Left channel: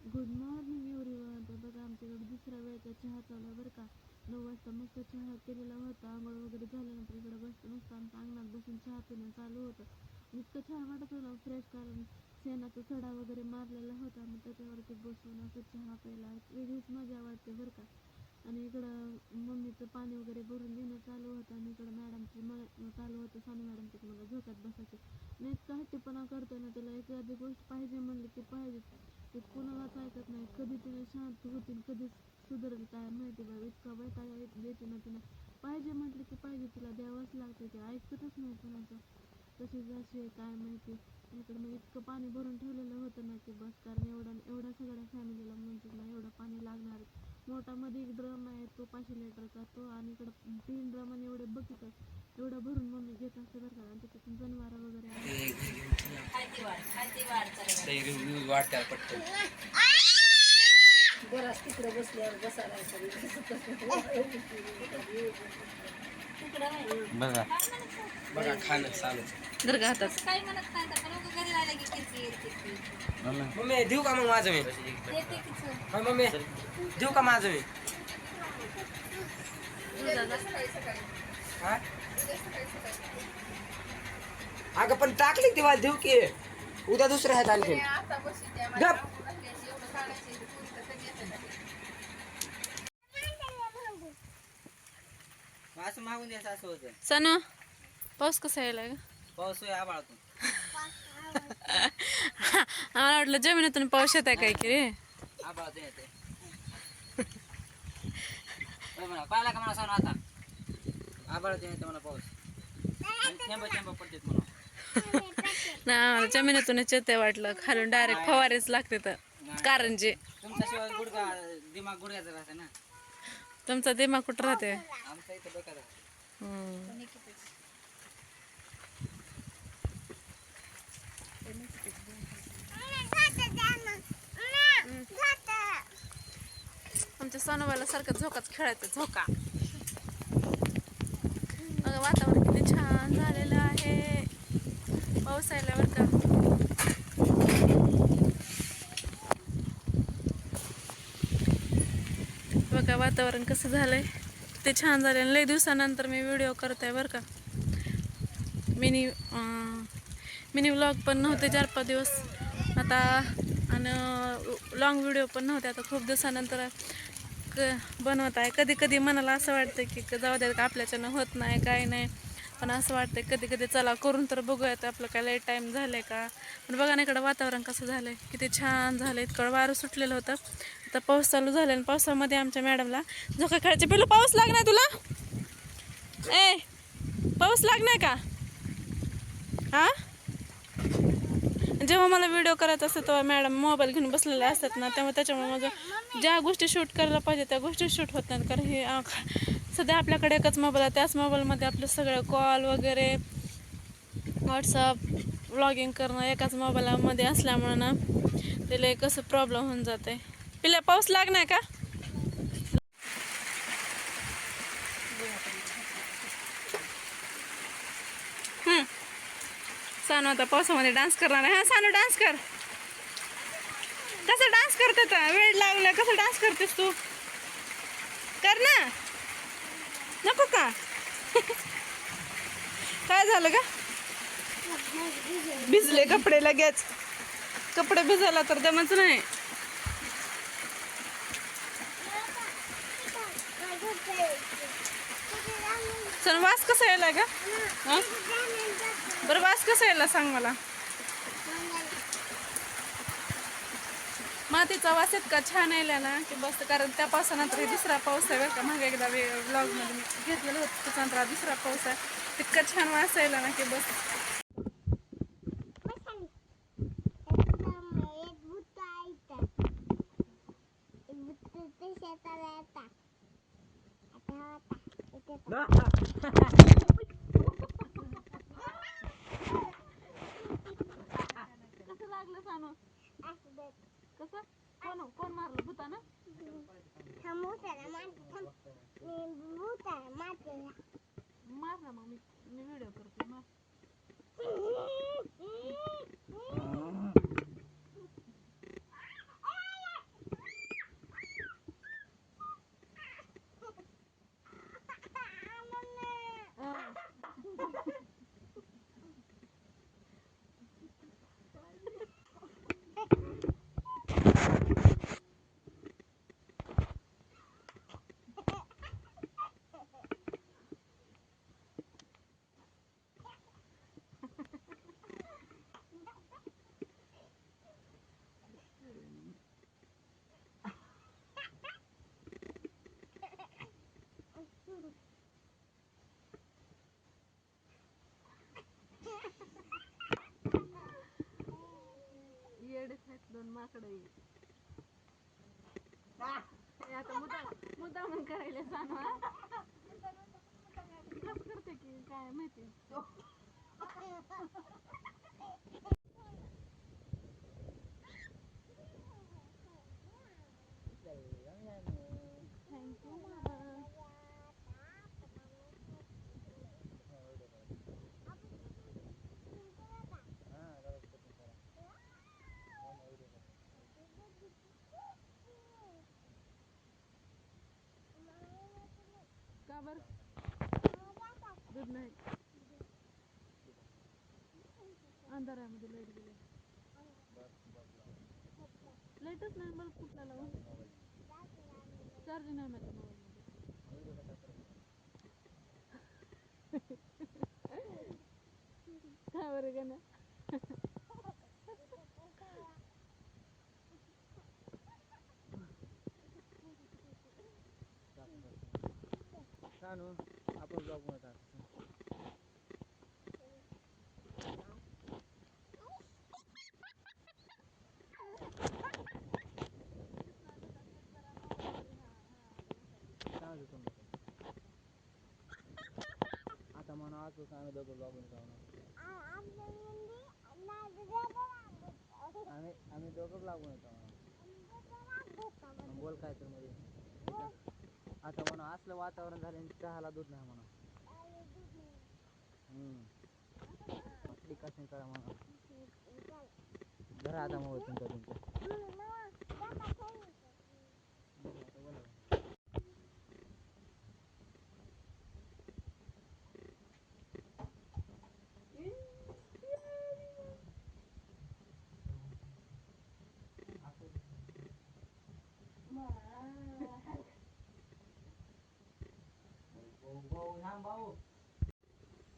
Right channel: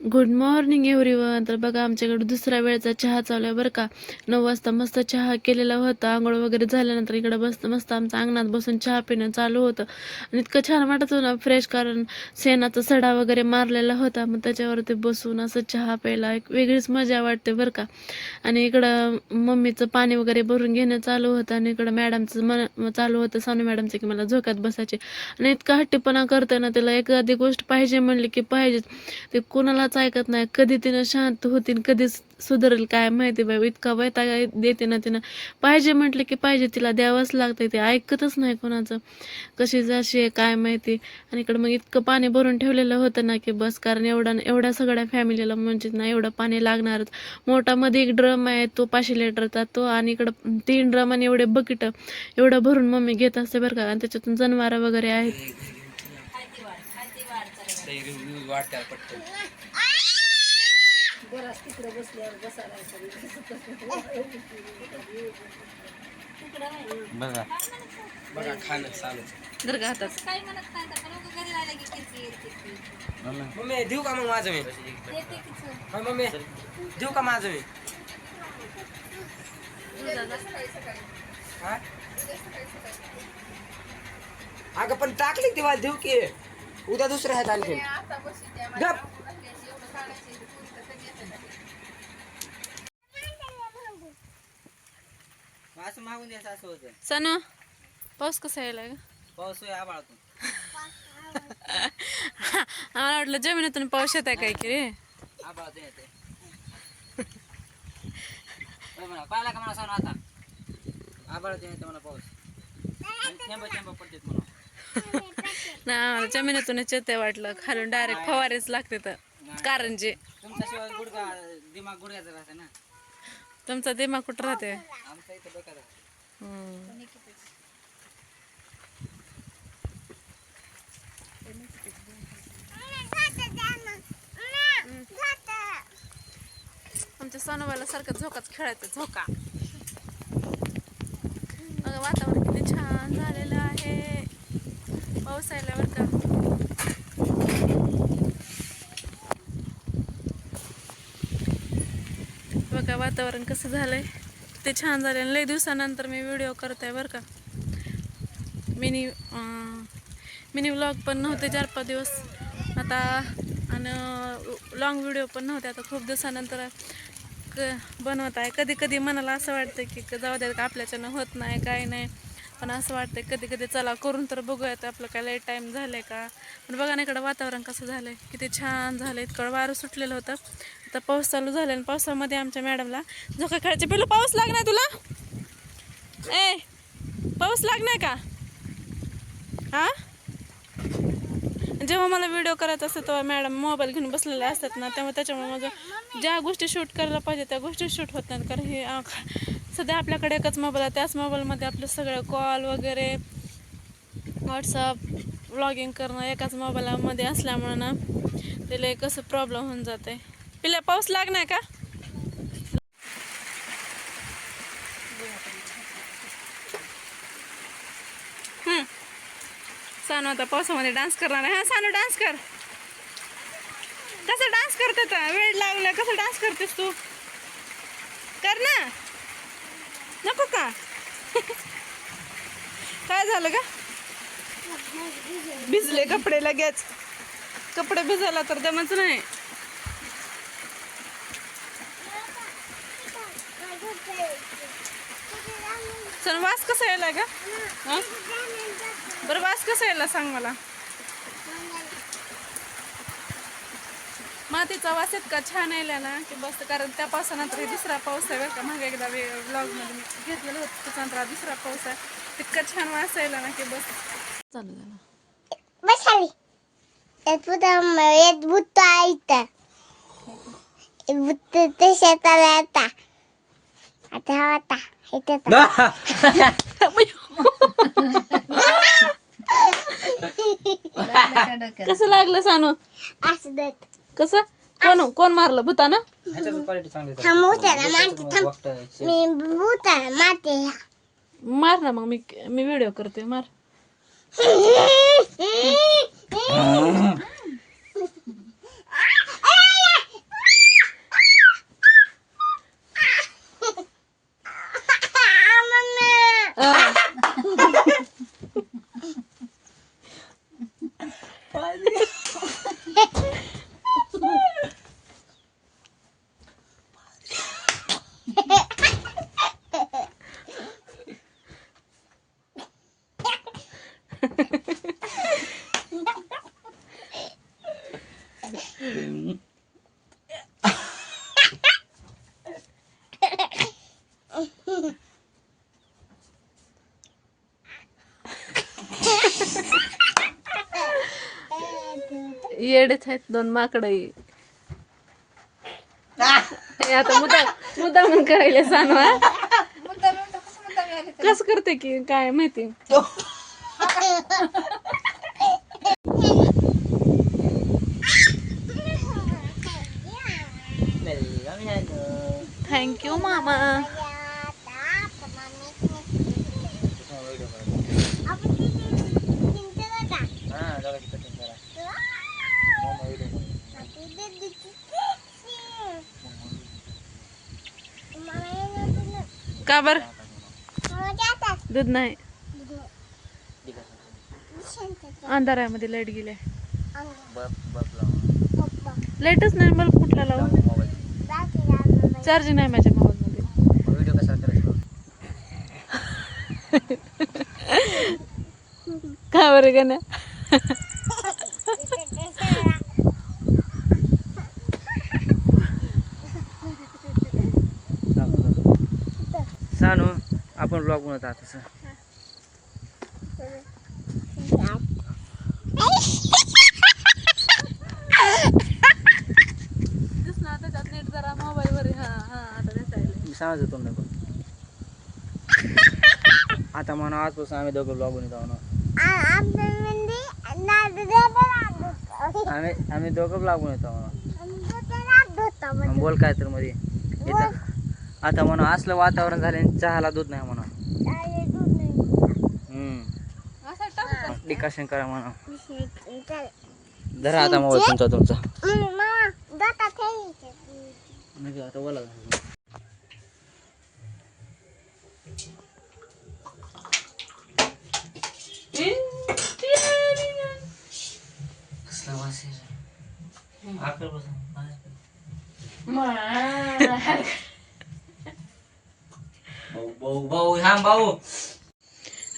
Good morning everyone. तर बघा आमच्याकडे दुसऱ्या वेळचा चहा चालू आहे बरं का. 9 वाजता मस्त चहा केलेला होता. आंघोळ वगैरे झाल्यानंतर इकडं मस्त आमचं अंगणात बसून चहा पिणं चालू होतं आणि इतकं छान वाटत होतं ना फ्रेश, कारण शेणाचा सडा वगैरे मारलेला होता. मग त्याच्यावरती बसून असं चहा प्यायला एक वेगळीच मजा वाटते बरं का. आणि इकडं मम्मीचं पाणी वगैरे भरून घेणं चालू होतं आणि इकडं मॅडमचं चालू होतं, सानू मॅडमचं, की मला झोक्यात बसायचे. आणि इतका हट्टीपणा करते ना, त्याला एखादी गोष्ट पाहिजे म्हणली की पाहिजेच. ते कोणालाच ऐकत नाही. कधी तिनं शांत होतीन, कधी सुधरेल काय माहिती बाई. इतका वैताग देते ना तिनं. पाहिजे म्हटलं की पाहिजे, तिला द्यावंच लागतंय. ते ऐकतच नाही कोणाचं. कशी जशी आहे काय माहिती. आणि इकडं मग इतकं पाणी भरून ठेवलेलं होतं ना की बस, कारण एवढ्या सगळ्या फॅमिलीला म्हणजे ना एवढं पाणी लागणारच. मोठा मध्ये एक ड्रम आहे, तो 500 लिटरचा तो, आणि इकडं 3 ड्रम आणि एवढे बकेट एवढं भरून मम्मी घेत असते बरं का. आणि त्याच्यातून जनावरं वगैरे आहेत. बघा बघा खाणं चालू मम्मी देऊ का मग माझं मी मम्मी देऊ का माझं मी अगं पण टाकली तेव्हा देऊ की उद्या दुसऱ्या आहेत आणखी गप असं मागून द्यायचं असं होतं. सनू, पाऊस कसा यायला ग? पाऊस आबाळातून आम्हाला वाटलं जमिनीतून पाऊस येत आहे काय की रे. आबाळातून येते पाहिला का मला सांग आता आबाळातून येते मला पाऊस थेंब पडतात म्हणून ना आम्हाला जमिनीतूनच येते वाटलं, खालून डायरेक्ट फवारेच लागते तर. कारण जे तुमच्याशिवाय गुडगा दिमाग गुडघ्याचा राहते ना. तुमचा दिमाग कुठं राहते? आमचा इथं डोक्यात आमच्या सोनूबाला सारखं झोकाच खेळायचं, झोका. बघा वातावरण किती छान झालेलं आहे. पाऊस आल्यावर का बघा वातावरण कसं झालंय, किती छान झालं. लय दिवसानंतर मी व्हिडिओ करत आहे बरं का. मिनी व्लॉग पण नव्हते 4-5 दिवस आता, आणि लॉंग व्हिडिओ पण नव्हते आता. खूप दिवसानंतर बनवत आहे. कधी कधी मनाला असं वाटतं की जाऊ द्या का, आपल्याच्यानं होत नाही काय नाही, पण असं वाटतं कधी कधी चला करून तर बघूयात आपलं काय लेट टाईम झालं का. पण बघा ना इकडं वातावरण कसं झालं आहे, किती छान झालं. इतकं वारं सुटलेलं होतं, आता पाऊस चालू झाला. आणि पावसामध्ये आमच्या मॅडमला झोका खेळायचे. पिलू पाऊस लागणार तुला? ए पाऊस लागणार का? हा, जेव्हा मला व्हिडिओ करायचा असतो तेव्हा मॅडम मोबाईल घेऊन बसलेले असतात ना, त्यामुळे त्याच्यामुळे माझं ज्या गोष्टी शूट करायला पाहिजे त्या गोष्टी शूट होत नाहीत. कारण हे सध्या आपल्याकडे एकच मोबाईल आहे, त्याच मोबाईलमध्ये आपलं सगळं कॉल वगैरे, व्हॉट्सअप, व्लॉगिंग करणं एकाच मोबाईलमध्ये असल्यामुळं ना त्याला कसं प्रॉब्लेम होऊन जाते. पिल्या पाऊस लागणार का? सानू आता पावसामध्ये डान्स करणार आहे. हा सानू डान्स कर. कसं डान्स करते तर वेळ लागला, कसं डान्स करतेस तू? कर ना. नको का? काय झालं का? भिजले कपडे लगेच. कपडे भिजायला तर जमच नाही. सण वास कसा यायला का? बरं वास कसा यायला सांग मला. मातीचा वास इतका छान यायला ना की बस, कारण त्या पावसानंतर हे दुसरा पाऊस आहे बरं का. मागे एकदा व्लॉगमध्ये मी घेतलेलं होतं, त्याच्यानंतर दुसरा पाऊस आहे. इतका छान वास यायला ना की बस. कसं लागलं सानू? कसं कोण मारलं भूतानं? मार ना मग, मी व्हिडिओ करते. मार. येडेच आहेत दोन माकडं हे आता मुद्दा म्हणून करायला सांगा कस करते की काय माहिती. थँक्यू मामा. का बर दूध नाही अंधारामध्ये लाईट गेले लाईटच नाही बल्ब कुठला लावून चार्जिंग नाही माझ्या मोबाईल मध्ये. व्हिडिओ कसा करायचा का बरं का ना सांगू आपण ब्लॉग बनवत आहात तसं. नीट जरा मोबाईल वर आता दिसायला सांगायचं तुम्ही पण आता म्हणा आजपासून आम्ही दोघं ब्लॉग बनवत आहो ना. आम्ही दोघं ब्लॉग बनवत आहो ना. बोल काय तर मध्ये इथं आता म्हणा असलं वातावरण झालं चहाला दूध नाही म्हणा. डिकाशन करा म्हणा. धरा आता मोबाईल तुमचा आता बोला. भाऊ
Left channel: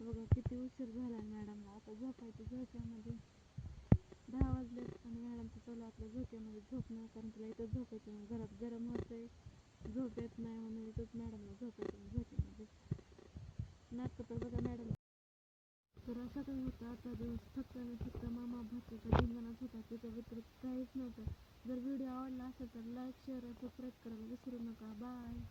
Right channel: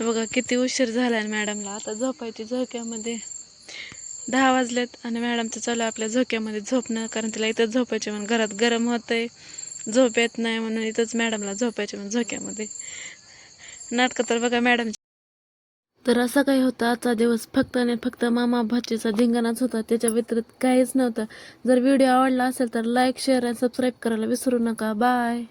बघा किती उशीर झालाय मॅडमला आता झोपायची झोक्यामध्ये 10 वाजलेत आणि मॅडमचं चालू आपल्या झोक्यामध्ये झोपणं कारण तिला इथंच झोपायचे म्हणून घरात गरम होतंय झोप येत नाही म्हणून इथंच मॅडमला झोपायचे म्हणून झोक्यामध्ये नाटकं तर बघा मॅडम. तर असं काही होतं आजचा दिवस फक्त आणि फक्त मामा भाचीचा धिंगाणाच होता त्याच्या व्यतिरिक्त काहीच नव्हतं. जर व्हिडिओ आवडला असेल तर लाईक शेअर आणि सबस्क्राईब करायला विसरू नका. बाय.